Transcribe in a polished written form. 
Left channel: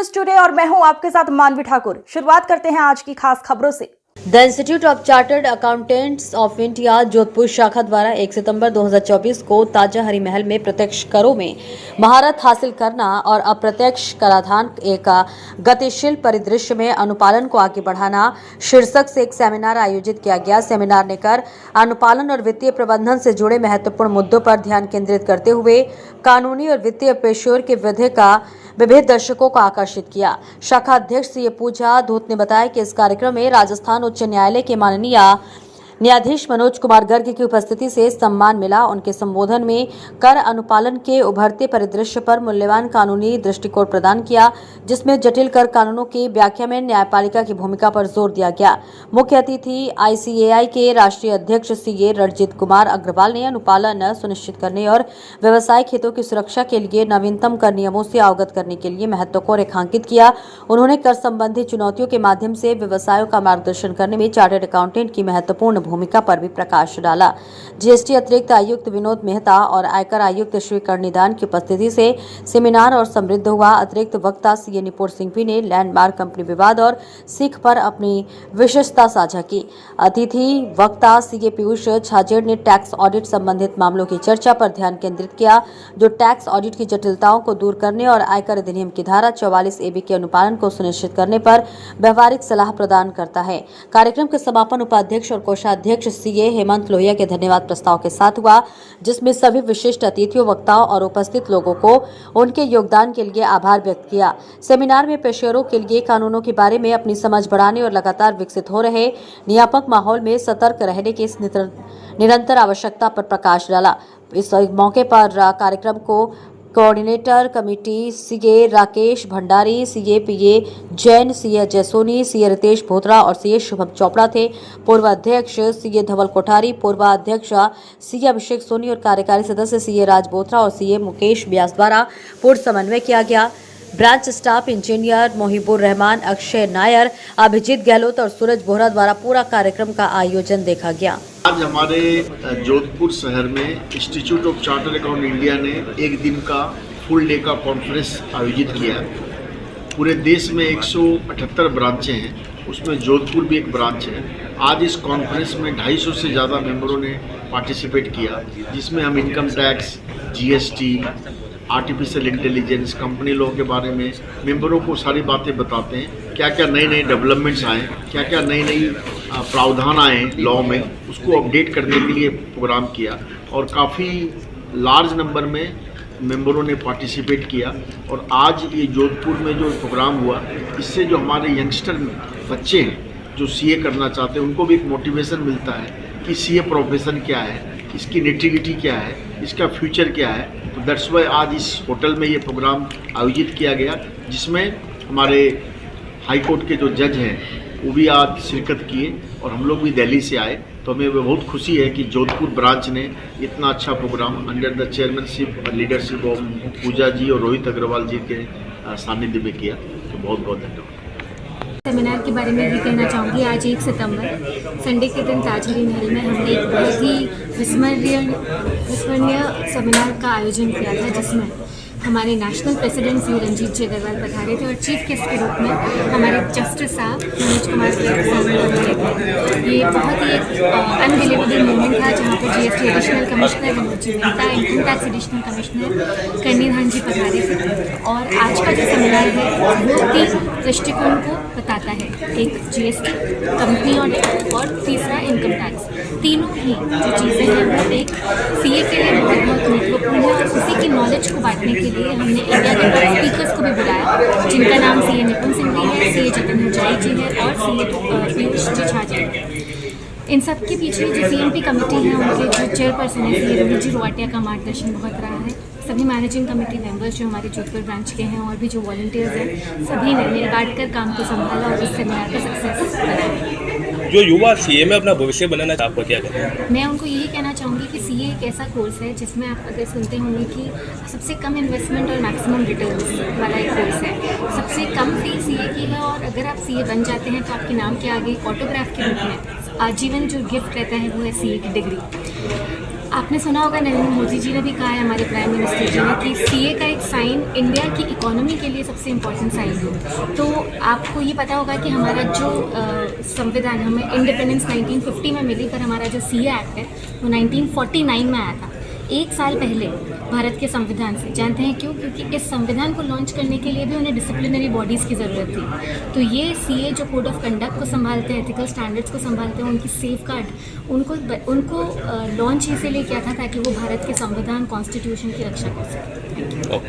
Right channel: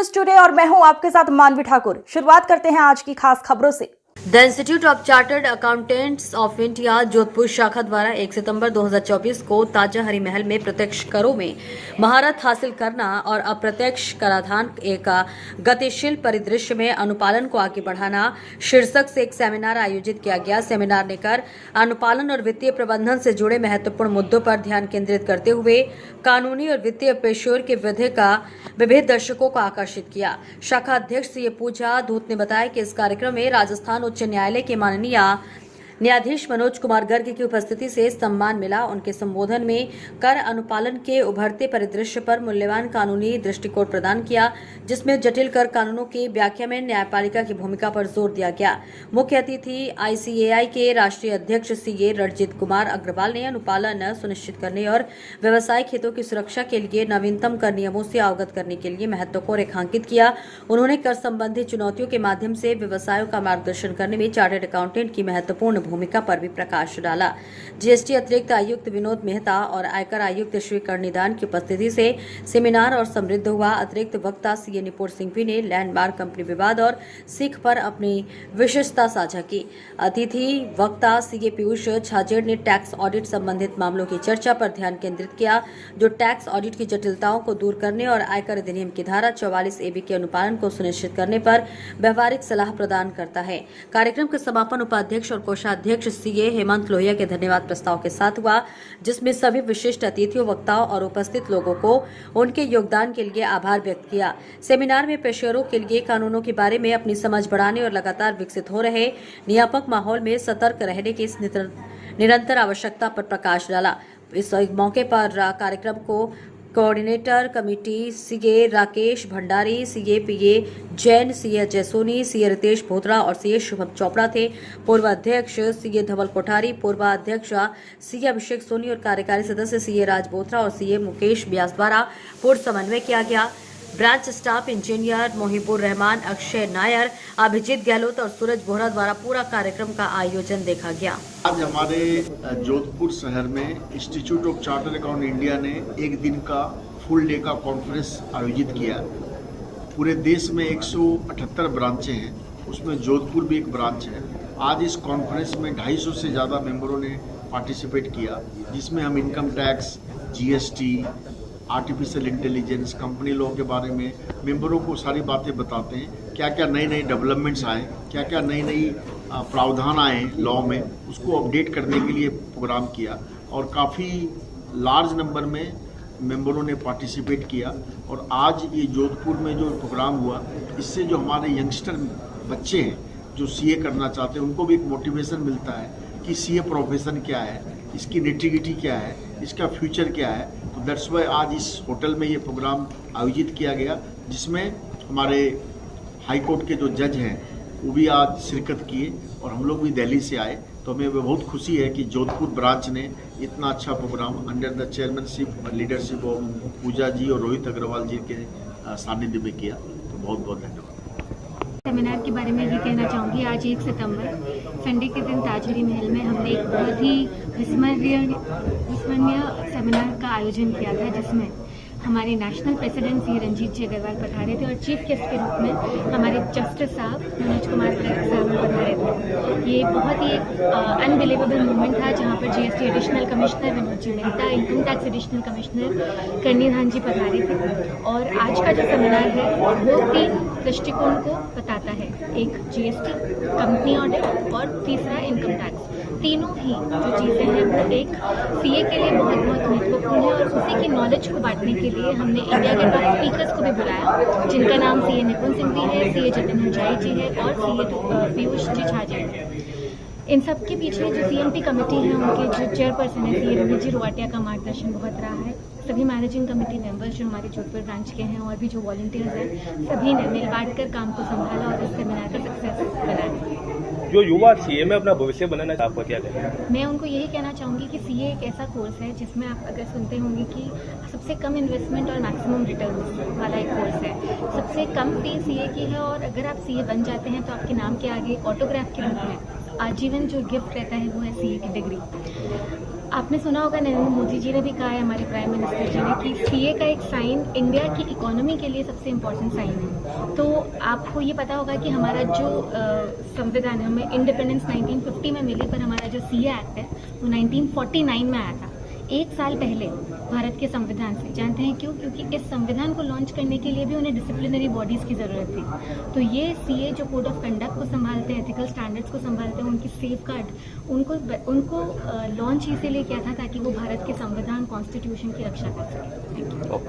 News today और मैं हूं आपके साथ मानवी ठाकुर। शुरुआत करते हैं आज की खास खबरों से। The institute of chartered accountants of India Jodhpur शाखा द्वारा 1 सितंबर 2024 को ताजा हरी महल में प्रत्यक्ष करों में महारत हासिल करना और अप्रत्यक्ष कराधान एक गतिशील परिदृश्य में अनुपालन को आगे बढ़ाना शीर्षक से एक सेमिनार आयोजित किया गया। सेमिनार ने कर अनुपालन और वित्तीय प्रबंधन से जुड़े महत्वपूर्ण मुद्दों पर ध्यान केंद्रित करते हुए कानूनी और वित्तीय पेशेवर के वृद्धि का विभिन्न दर्शकों को आकर्षित किया। शाखा अध्यक्ष सीए पूजा धूत ने बताया कि इस कार्यक्रम में राजस्थान उच्च न्यायालय के माननीय न्यायाधीश मनोज कुमार गर्ग की उपस्थिति से सम्मान मिला। उनके संबोधन में कर अनुपालन के उभरते परिदृश्य पर मूल्यवान कानूनी दृष्टिकोण प्रदान किया, जिसमें जटिल कर कानूनों की व्याख्या में न्यायपालिका की भूमिका पर जोर दिया गया। मुख्य अतिथि आईसीएआई के राष्ट्रीय अध्यक्ष सीए रणजीत कुमार अग्रवाल ने अनुपालन सुनिश्चित करने और व्यवसायिक हितों की सुरक्षा के लिए नवीनतम कर नियमों से अवगत करने के लिए महत्व को रेखांकित किया। उन्होंने कर संबंधी चुनौतियों के माध्यम से व्यवसायों का मार्गदर्शन करने में चार्टर्ड अकाउंटेंट की महत्वपूर्ण भूमिका पर भी प्रकाश डाला। जीएसटी अतिरिक्त आयुक्त विनोद मेहता और आयकर आयुक्त श्री कर्णिदान की उपस्थिति से सेमिनार और समृद्ध हुआ। अतिरिक्त वक्ता सीए निपुण सिंह भी ने लैंडमार्क कंपनी विवाद और सीख पर अपनी विशेषता साझा की। अतिथि वक्ता सीए पीयूष छाजेड़ ने टैक्स ऑडिट संबंधित मामलों की चर्चा पर ध्यान केंद्रित किया, जो टैक्स ऑडिट की जटिलताओं को दूर करने और आयकर अधिनियम की धारा 44 AB के अनुपालन को सुनिश्चित करने पर व्यवहारिक सलाह प्रदान करता है। कार्यक्रम के समापन उपाध्यक्ष और कोषाध्यक्ष सीए हेमंत लोहिया के धन्यवाद प्रस्ताव के साथ हुआ, जिसमें सभी विशिष्ट अतिथियों, वक्ताओं और उपस्थित लोगों को उनके योगदान के लिए आभार व्यक्त किया। सेमिनार में पेशेवरों के लिए कानूनों के बारे में अपनी समझ बढ़ाने और लगातार विकसित हो रहे नियामक माहौल में सतर्क रहने की निरंतर आवश्यकता पर प्रकाश डाला। इस मौके पर कार्यक्रम को coordinator committee CA Rakesh Bhandari, CA PA Jain, CA Jaysoni, CA Ritesh Bhotra और सीए शुभम चोपड़ा थे। पूर्व अध्यक्ष सीए धवल कोठारी, पूर्व अध्यक्ष सीए अभिषेक सोनी और कार्यकारी सदस्य सीए राज बोथरा और सीए मुकेश व्यास द्वारा पूर्ण समन्वय किया गया। Branch staff engineer Mohibur Rahman, Akshay Nair, Abhijeet Gehlot और सूरज बोहरा द्वारा पूरा कार्यक्रम का आयोजन देखा गया। आज हमारे जोधपुर शहर में institute of chartered account India ने एक दिन का फुल डे का कॉन्फ्रेंस आयोजित किया। पूरे देश में 178 ब्रांचें हैं, उसमें जोधपुर भी एक ब्रांच है। आज इस कॉन्फ्रेंस में 250 से ज़्यादा मेंबरों ने पार्टिसिपेट किया, जिसमें हम income tax, GST, artificial intelligence, company law के बारे में मेंबरों को सारी बातें बताते हैं। क्या क्या नए नए डेवलपमेंट्स आए, क्या क्या नई नई प्रावधान आए लॉ में, उसको अपडेट करने के लिए प्रोग्राम किया और काफ़ी लार्ज नंबर में मेंबरों ने पार्टिसिपेट किया। और आज ये जोधपुर में जो प्रोग्राम हुआ, इससे जो हमारे यंगस्टर बच्चे हैं जो सीए करना चाहते हैं, उनको भी एक मोटिवेशन मिलता है कि सीए प्रोफेशन क्या है, इसकी नेटिविटी क्या है, इसका फ्यूचर क्या है। तो दैट्स वाई आज इस होटल में ये प्रोग्राम आयोजित किया गया, जिसमें हमारे हाई कोर्ट के जो जज हैं वो भी आज शिरकत किए और हम लोग भी दिल्ली से आए। तो हमें बहुत खुशी है कि जोधपुर ब्रांच ने इतना अच्छा प्रोग्राम अंडर द चेयरमैनशिप और लीडरशिप ऑफ पूजा जी और रोहित अग्रवाल जी के सानिध्य में किया। तो बहुत बहुत धन्यवाद। सेमिनार के बारे में भी कहना चाहूँगी। आज 1 सितंबर संडे के दिन ताजहरी महल में हमने एक बहुत ही विस्मरणीय सेमिनार का आयोजन किया था, जिसमें हमारे नेशनल प्रेसिडेंट श्री रंजीत जी अग्रवाल पधारे थे और चीफ गेस्ट के रूप में हमारे जस्टिस साहब मनोज कुमार गर्ग पधारे थे। ये बहुत ही एक अनबिलीवेबल मोमेंट था, जहाँ पर GST additional commissioner Vinod ji Mehta, income tax additional commissioner Karnidan ji पधारे थे। और आज का जो सेमिनार है वो 3 दृष्टिकोण को बताता है। एक जीएसटी, कंपनी ऑडिट और तीसरा इनकम टैक्स। तीनों ही जो चीज़ें हैं वो एक सीए के लिए बहुत बहुत महत्वपूर्ण है और उसी की नॉलेज को बांटने के लिए हमने इंडिया के टॉप स्पीकर्स को भी बुलाया, जिनका नाम सीए निपुण सिंह भी है, सीए जतिन हजाई जी है और सीए पीयूष जी छाजेड़ है। इन सब के पीछे जो सीएमपी कमेटी है, उनके जो चेयरपर्सन है सीए रवि जी रोवाटिया का मार्गदर्शन बहुत रहा है। सभी मैनेजिंग कमेटी मेंबर्स जो हमारे जोधपुर ब्रांच के हैं और भी जो वॉलंटियर्स हैं, सभी ने मिल बांट कर काम को संभाला और इस सेमिनार का सक्सेस बनाया। जो युवा सीए में अपना भविष्य बनाना चाहते, आपको क्या कहना है? मैं उनको यही कहना चाहूँगी कि सीए एक ऐसा कोर्स है जिसमें आप अगर सुनते होंगे कि सबसे कम इन्वेस्टमेंट और मैक्सिमम रिटर्न्स वाला एक कोर्स है। सबसे कम फी सीए की है और अगर आप सीए बन जाते हैं तो आपके नाम के आगे ऑटोग्राफ के रूप में आजीवन जो गिफ्ट रहता है वो है सीए की डिग्री। आपने सुना होगा नरेंद्र मोदी जी ने भी कहा है, हमारे प्राइम मिनिस्टर जी ने, कि सीए का एक साइन इंडिया की इकोनॉमी के लिए सबसे इम्पोर्टेंट साइन है। तो आपको ये पता होगा कि हमारा जो संविधान, हमें इंडिपेंडेंस 1950 में मिली, पर हमारा जो सीए एक्ट है वो 1949 में आया था, 1 साल पहले भारत के संविधान से। जानते हैं क्यों? क्योंकि इस संविधान को लॉन्च करने के लिए भी उन्हें डिसिप्लिनरी बॉडीज़ की ज़रूरत थी। तो ये सीए जो कोड ऑफ कंडक्ट को संभालते हैं, एथिकल स्टैंडर्ड्स को संभालते हैं, उनकी सेफ गार्ड उनको लॉन्च इसीलिए किया था ताकि वो भारत के संविधान, कॉन्स्टिट्यूशन की रक्षा कर सकें। ओके।